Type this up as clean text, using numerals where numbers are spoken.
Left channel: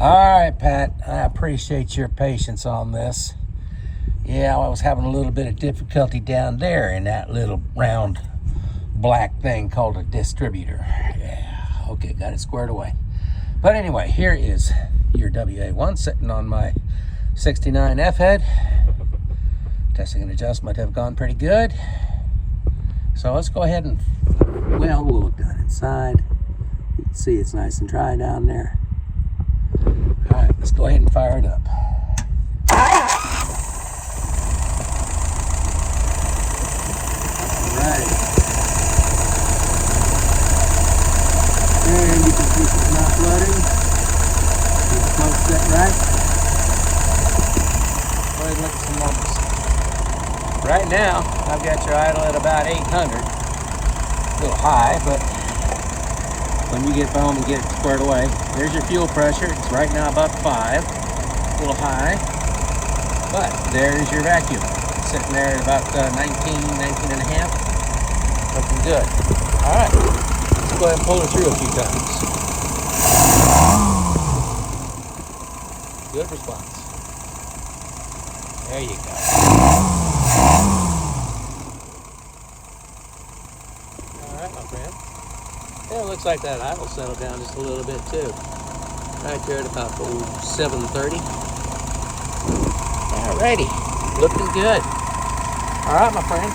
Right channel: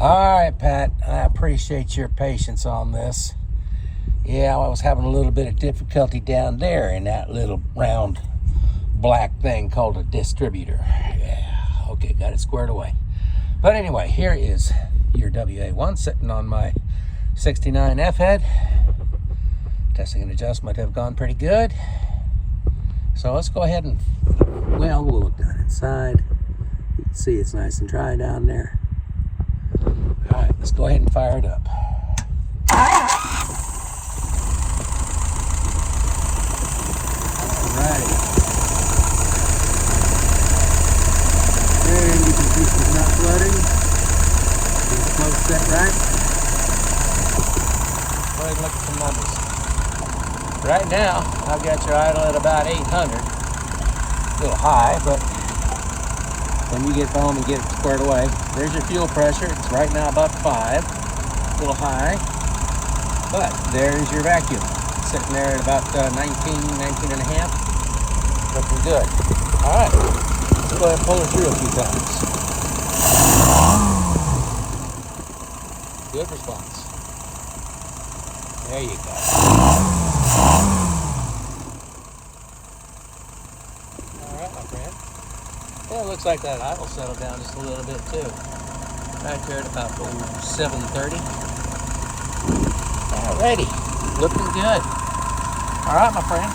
All right, Pat, I appreciate your patience on this. Yeah, I was having a little bit of difficulty down there in that little round black thing called a distributor. Yeah, okay, got it squared away. But anyway, here is your WA-1 sitting on my 69 F-head. Testing and adjustment have gone pretty good. So let's go ahead and, well, we'll look down inside. You can see it's nice and dry down there. All right, let's go ahead and fire it up. All right. And you can see she's not flooding. She's close set right. Go ahead and look at some numbers. Right now, I've got your idle at about 800. A little high, but when you get home and get it squared away, there's your fuel pressure. It's right now about 5. A little high, but there's your vacuum. It's sitting there at about 19 and a half. Looking good. All right, let's go ahead and pull it through a few times. Good response. There you go. Yeah, it looks like that idle settled down just a little bit too. Right there at about 7:30. Alrighty, looking good. All right, my friend.